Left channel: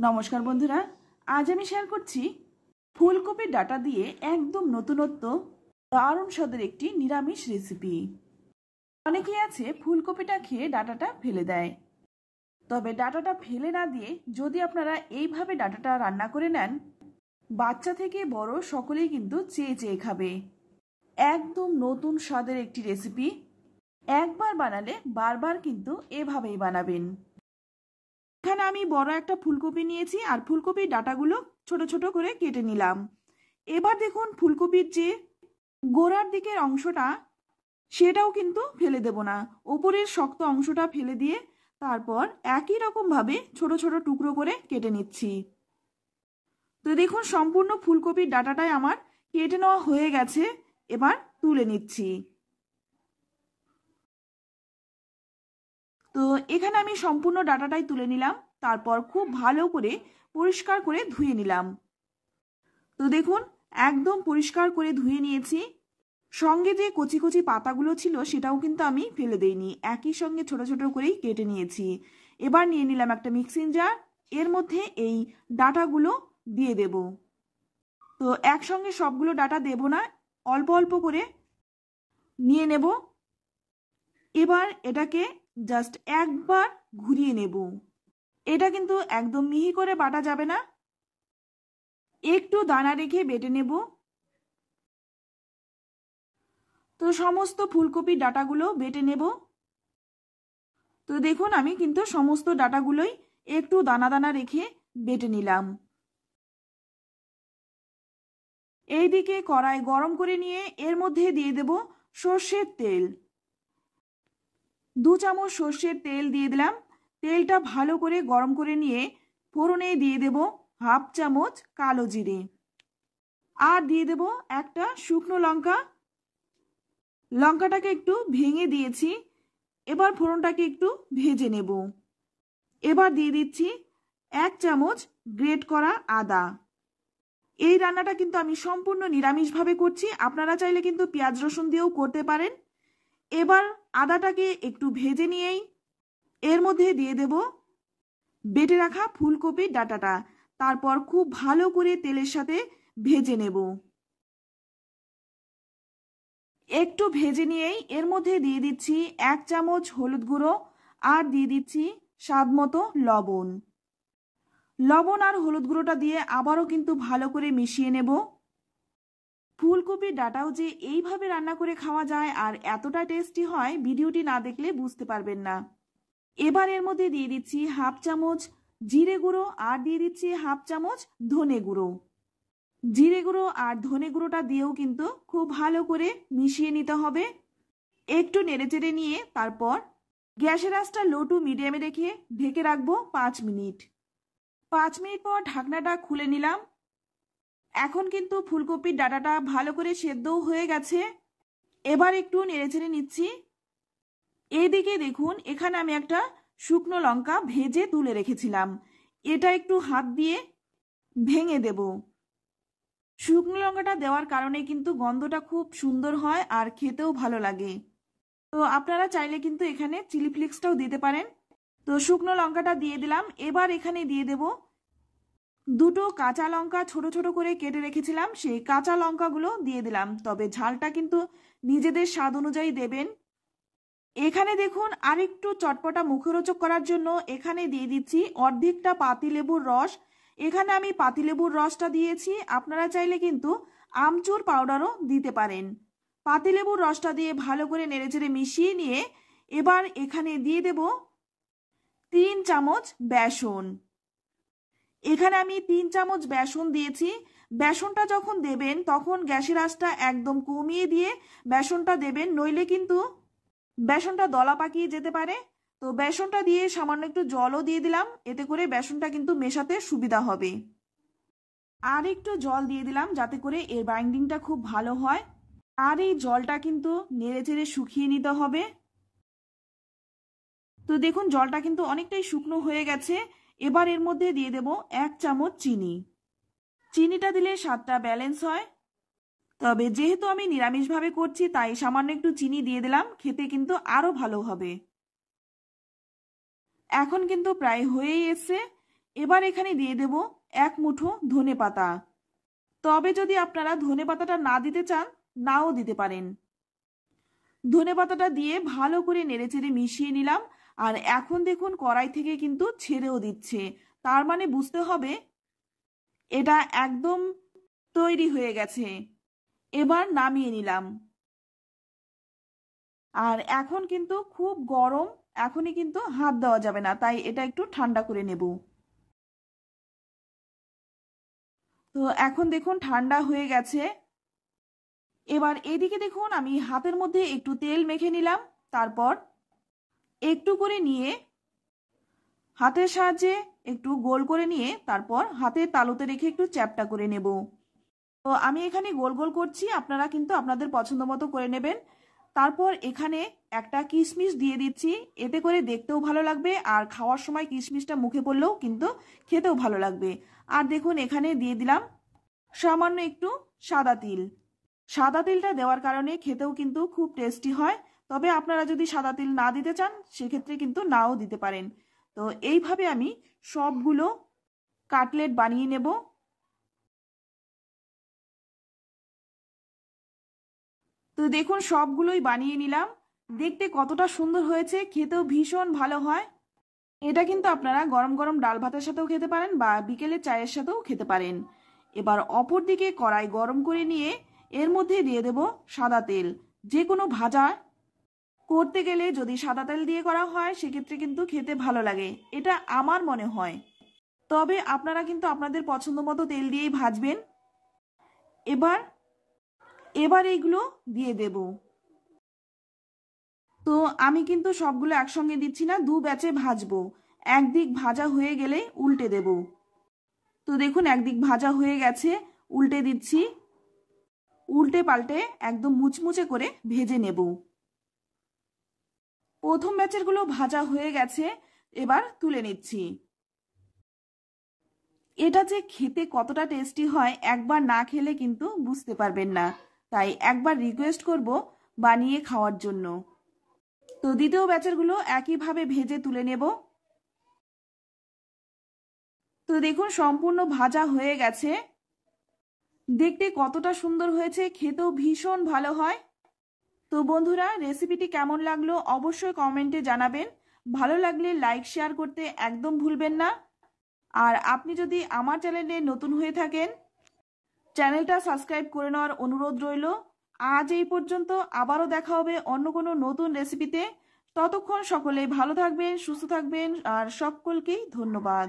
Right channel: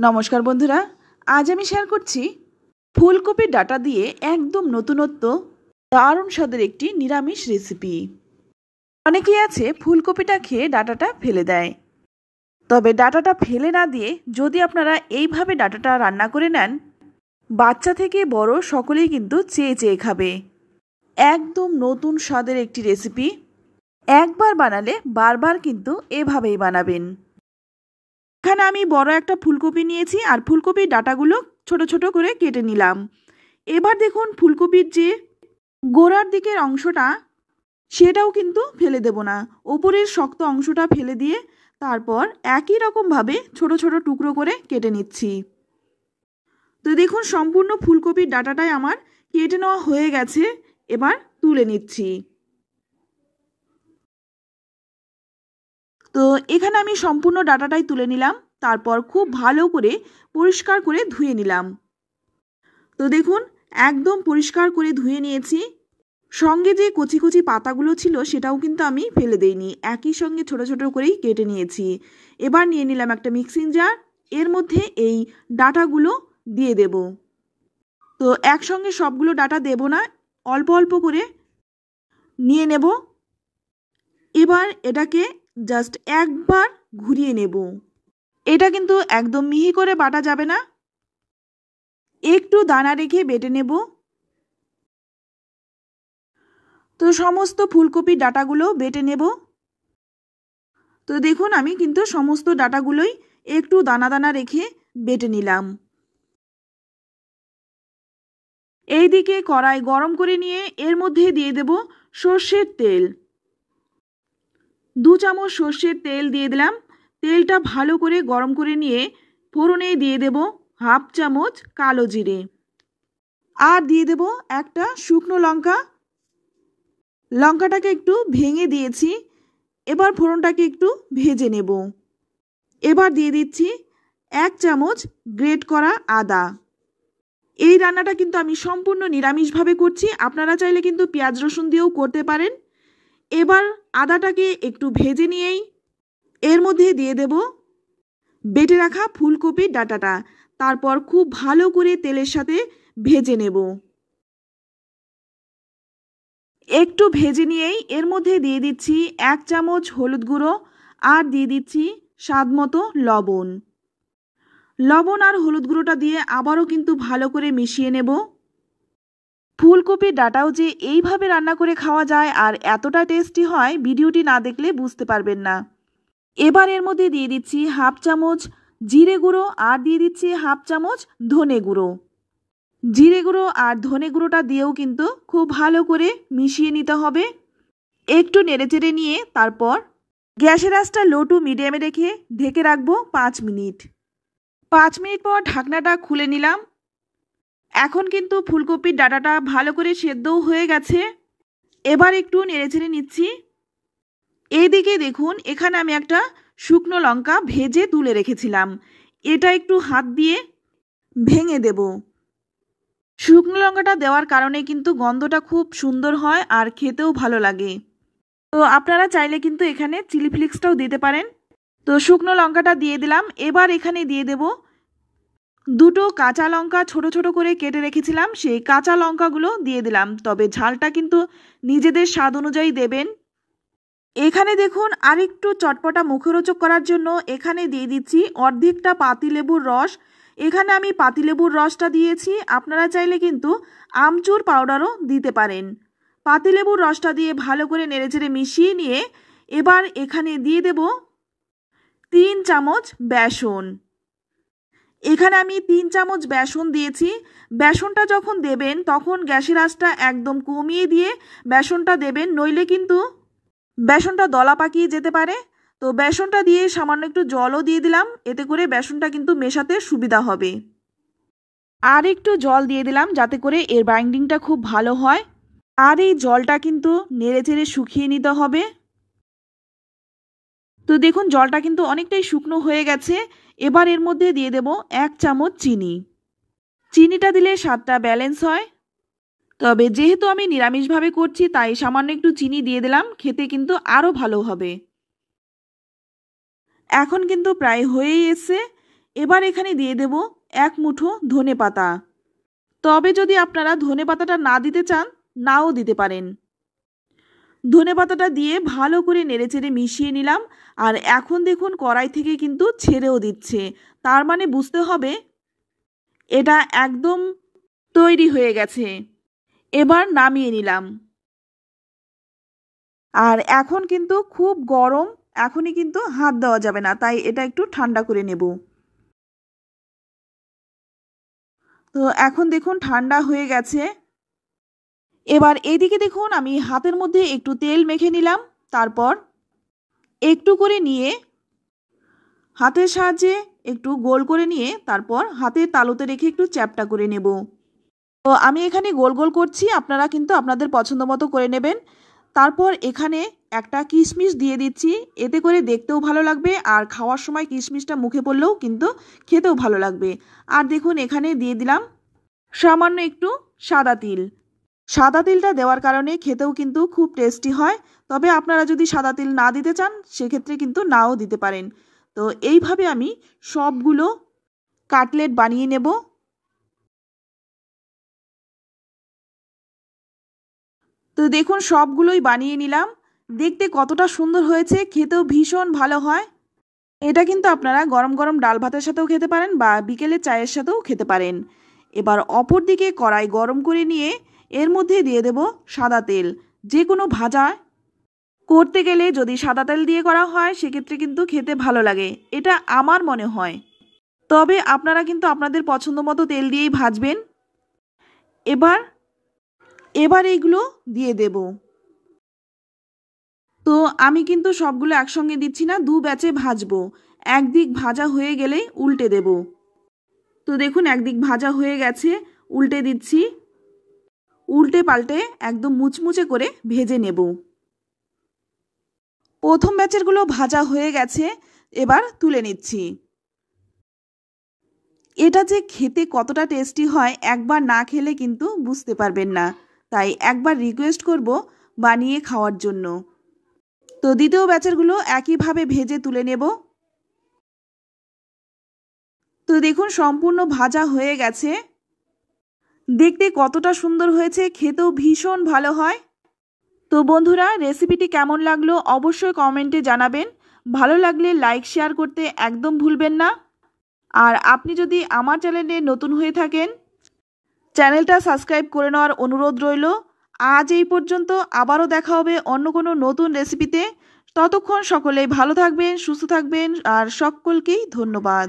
নমস্কার বন্ধুরা, আজ আমি শেয়ার করছি ফুলকপির ডাঁটা দিয়ে একদম নতুনত্ব দারুণ স্বাদের একটি নিরামিষ রেসিপি। অনেকেই আছে ফুলকপিটা খেয়ে ডাঁটাটা ফেলে দেয়, তবে ডাঁটাটা ফেলে না দিয়ে যদি আপনারা এইভাবে ডাঁটাটা রান্না করে নেন, বাচ্চা থেকে বড় সকলেই কিন্তু চেয়ে চেয়ে খাবে। একদম নতুন স্বাদের একটি রেসিপি, একবার বানালে বারবার কিন্তু এভাবেই বানাবেন। এখানে আমি বড় একটা ফুলকপি নিয়েছি আর ফুলকপির ডাঁটাগুলো ছোট ছোট করে কেটে নিলাম। এবার দেখুন ফুলকপির যে গোড়ার দিকের অংশটা সেটাও কিন্তু ফেলে দেব না, ওপরের শক্ত অংশটা ফেলে দিয়ে তারপর একই রকমভাবে ছোট ছোট টুকরো করে কেটে নিচ্ছি। তো দেখুন সম্পূর্ণ ফুলকপির ডাঁটাটাই আমার কেটে নেওয়া হয়ে গেছে, এবার তুলে নিচ্ছি। তো এখানে আমি সম্পূর্ণ ডাঁটাটাই তুলে নিলাম, তারপর খুব ভালো করে পরিষ্কার করে ধুয়ে নিলাম। তো দেখুন একদম পরিষ্কার করে ধুয়ে নিয়েছি, সঙ্গে যে কচি কচি পাতাগুলো ছিল সেটাও কিন্তু আমি ফেলে দেইনি, একই সঙ্গে ছোট ছোট করেই কেটে নিয়েছি। এবার নিয়ে নিলাম একটা মিক্সিং জার, এর মধ্যে এই ডাঁটাগুলো দিয়ে দেব। তো একসঙ্গে সবগুলো ডাঁটা দেব না, অল্প অল্প করে নিয়ে নেব। এবার এটাকে জাস্ট একবার ঘুরিয়ে নেব। এটা কিন্তু একদম মিহি করে বাটা যাবে না, একটু দানা রেখে বেটে নেব। তো সমস্ত ফুলকপির ডাঁটাগুলো বেটে নেব। তো দেখুন আমি কিন্তু সমস্ত ডাঁটাগুলোই একটু দানা দানা রেখে বেটে নিলাম। এইদিকে কড়াই গরম করে নিয়ে এর মধ্যে দিয়ে দেব সর্ষের তেল। 2 চামচ সর্ষের তেল দিয়ে দিলাম। তেলটা ভালো করে গরম করে নিয়ে ফোড়নে দিয়ে দেব হাফ চামচ কালো জিরে, আর দিয়ে দেব একটা শুকনো লঙ্কা। লঙ্কাটাকে একটু ভেঙে দিয়েছি, এবার ফোড়নটাকে একটু ভেজে নেব। এবার দিয়ে দিচ্ছি 1 চামচ গ্রেট করা আদা। এই রান্নাটা কিন্তু আমি সম্পূর্ণ নিরামিষভাবে করছি, আপনারা চাইলে কিন্তু পেঁয়াজ রসুন দিয়েও করতে পারেন। এবার আদাটাকে একটু ভেজে নিয়েই এর মধ্যে দিয়ে দেব বেটে রাখা ফুলকপির ডাঁটাটা, তারপর খুব ভালো করে তেলের সাথে ভেজে নেব। একটু ভেজে নিয়েই এর মধ্যে দিয়ে দিচ্ছি 1 চামচ হলুদ গুঁড়ো, আর দিয়ে দিচ্ছি স্বাদ মতো লবণ। লবণ আর হলুদ গুঁড়োটা দিয়ে আবারও কিন্তু ভালো করে মিশিয়ে নেব। ফুলকপির ডাঁটাও যে এইভাবে রান্না করে খাওয়া যায় আর এতটা টেস্টি হয়, ভিডিওটি না দেখলে বুঝতে পারবেন না। এবার এর মধ্যে দিয়ে দিচ্ছি হাফ চামচ জিরে গুঁড়ো, আর দিয়ে দিচ্ছি হাফ চামচ ধনে গুঁড়ো। জিরে গুঁড়ো আর ধনে গুঁড়োটা দিয়েও কিন্তু খুব ভালো করে মিশিয়ে নিতে হবে। একটু নেড়েচেড়ে নিয়ে তারপর গ্যাসের আঁচটা লো টু মিডিয়ামে রেখে ঢেকে রাখবো 5 মিনিট। 5 মিনিট পর ঢাকনাটা খুলে নিলাম। এখন কিন্তু ফুলকপির ডাঁটাটা ভালো করে সেদ্ধও হয়ে গেছে। এবার একটু নেড়েচেড়ে নিচ্ছি। এইদিকে দেখুন এখানে আমি একটা শুকনো লঙ্কা ভেজে তুলে রেখেছিলাম, এটা একটু হাত দিয়ে ভেঙে দেব। শুকনো লঙ্কাটা দেওয়ার কারণে কিন্তু গন্ধটা খুব সুন্দর হয় আর খেতেও ভালো লাগে। তো আপনারা চাইলে কিন্তু এখানে চিলি ফ্লেক্সটাও দিতে পারেন। তো শুকনো লঙ্কাটা দিয়ে দিলাম। এবার এখানে দিয়ে দেব 2টো কাঁচা লঙ্কা ছোট ছোট করে কেটে রেখেছিলাম, সেই কাঁচা লঙ্কাগুলো দিয়ে দিলাম, তবে ঝালটা কিন্তু নিজেদের স্বাদ অনুযায়ী দেবেন। এখানে দেখুন আরেকটু চটপটা মুখরোচক করার জন্য এখানে দিয়ে দিচ্ছি অর্ধেকটা পাতিলেবুর রস। এখানে আমি পাতিলেবুর রসটা দিয়েছি, আপনারা চাইলে কিন্তু আমচুর পাউডারও দিতে পারেন। পাতিলেবুর রসটা দিয়ে ভালো করে নেড়েচেড়ে মিশিয়ে নিয়ে এবার এখানে দিয়ে দেব 3 চামচ বেসন। এখানে আমি 3 চামচ বেসন দিয়েছি। বেসনটা যখন দেবেন তখন গ্যাসের আঁচটা একদম কমিয়ে দিয়ে বেসনটা দেবেন, নইলে কিন্তু বেসনটা দলা পাকিয়ে যেতে পারে। তো বেসনটা দিয়ে সামান্য একটু জলও দিয়ে দিলাম, এতে করে বেসনটা কিন্তু মেশাতে সুবিধা হবে। আর একটু জল দিয়ে দিলাম যাতে করে এর বাইন্ডিংটা খুব ভালো হয়। আর এই জলটা কিন্তু নেড়েচেড়ে শুকিয়ে নিতে হবে। তো দেখুন জলটা কিন্তু অনেকটাই শুকনো হয়ে গেছে। এবার এর মধ্যে দিয়ে দেব 1 চামচ চিনি। চিনিটা দিলে স্বাদটা ব্যালেন্স হয়, তবে যেহেতু আমি নিরামিষভাবে করছি তাই সামান্য একটু চিনি দিয়ে দিলাম, খেতে কিন্তু আরও ভালো হবে। এখন কিন্তু প্রায় হয়েই এসেছে। এবার এখানে দিয়ে দেব 1 মুঠো ধনেপাতা। তবে যদি আপনারা ধনেপাতাটা না দিতে চান নাও দিতে পারেন। ধনেপাতাটা দিয়ে ভালো করে নেড়েচেড়ে মিশিয়ে নিলাম। আর এখন দেখুন কড়াই থেকে কিন্তু ছেড়েও দিচ্ছে, তার মানে বুঝতে হবে এটা একদম তৈরি হয়ে গেছে। এবার নামিয়ে নিলাম। আর এখন কিন্তু খুব গরম, এখনই কিন্তু হাত দেওয়া যাবে না, তাই এটা একটু ঠান্ডা করে নেব। তো এখন দেখুন ঠান্ডা হয়ে গেছে। এবার এদিকে দেখুন আমি হাতের মধ্যে একটু তেল মেখে নিলাম। তারপর একটু করে নিয়ে হাতের সাহায্যে একটু গোল করে নিয়ে তারপর হাতের তালুতে রেখে একটু চ্যাপ্টা করে নেব। তো আমি এখানে গোল গোল করছি, আপনারা কিন্তু আপনাদের পছন্দ মতো করে নেবেন। তারপর এখানে একটা কিশমিশ দিয়ে দিচ্ছি, এতে করে দেখতেও ভালো লাগবে আর খাওয়ার সময় কিশমিশটা মুখে পড়লেও কিন্তু খেতেও ভালো লাগবে। আর দেখুন এখানে দিয়ে দিলাম সামান্য একটু সাদা তিল। সাদা তিলটা দেওয়ার কারণে খেতেও কিন্তু খুব টেস্টি হয়। তবে আপনারা যদি সাদা তিল না দিতে চান সেক্ষেত্রে কিন্তু নাও দিতে পারেন। তো এইভাবে আমি সবগুলো কাটলেট বানিয়ে নেব। তো দেখুন সবগুলোই বানিয়ে নিলাম। দেখতে কতটা সুন্দর হয়েছে, খেতেও ভীষণ ভালো হয়। এটা কিন্তু আপনারা গরম গরম ডাল ভাতের সাথেও খেতে পারেন বা বিকেলে চায়ের সাথেও খেতে পারেন। এবার অপর দিকে কড়াই গরম করে নিয়ে এর মধ্যে দিয়ে দেব সাদা তেল। যে কোনো ভাজা করতে গেলে যদি সাদা তেল দিয়ে করা হয় সেক্ষেত্রে কিন্তু খেতে ভালো লাগে, এটা আমার মনে হয়। তবে আপনারা কিন্তু আপনাদের পছন্দ মতো তেল দিয়েই ভাজবেন। এবার এইগুলো দিয়ে দেব। তো আমি কিন্তু সবগুলো একসঙ্গে দিচ্ছি না, দু ব্যাচে ভাজবো। একদিক ভাজা হয়ে গেলে উল্টে দেব। তো দেখুন একদিক ভাজা হয়ে গেছে, উল্টে দিচ্ছি। উল্টে পাল্টে একদম মুচমুচে করে ভেজে নেব। প্রথম ব্যাচেরগুলো ভাজা হয়ে গেছে, এবার তুলে নিচ্ছি। এটা যে খেতে কতটা টেস্টি হয় একবার না খেলে কিন্তু বুঝতে পারবেন না, তাই একবার রিকোয়েস্ট করব বানিয়ে খাওয়ার জন্য। তো দ্বিতীয় ব্যাচেরগুলো একইভাবে ভেজে তুলে নেব। তো দেখুন সম্পূর্ণ ভাজা হয়ে গেছে, দেখতে কতটা সুন্দর হয়েছে, খেতেও ভীষণ ভালো হয়। তো বন্ধুরা রেসিপিটি কেমন লাগলো অবশ্যই কমেন্টে জানাবেন। ভালো লাগলে লাইক শেয়ার করতে একদম ভুলবেন না। আর আপনি যদি আমার চ্যানেলে নতুন হয়ে থাকেন চ্যানেলটা সাবস্ক্রাইব করে নেওয়ার অনুরোধ রইল। আজ এই পর্যন্ত, আবারও দেখা হবে অন্য কোনো নতুন রেসিপিতে। ততক্ষণ সকলেই ভালো থাকবেন, সুস্থ থাকবেন আর সকলকেই ধন্যবাদ।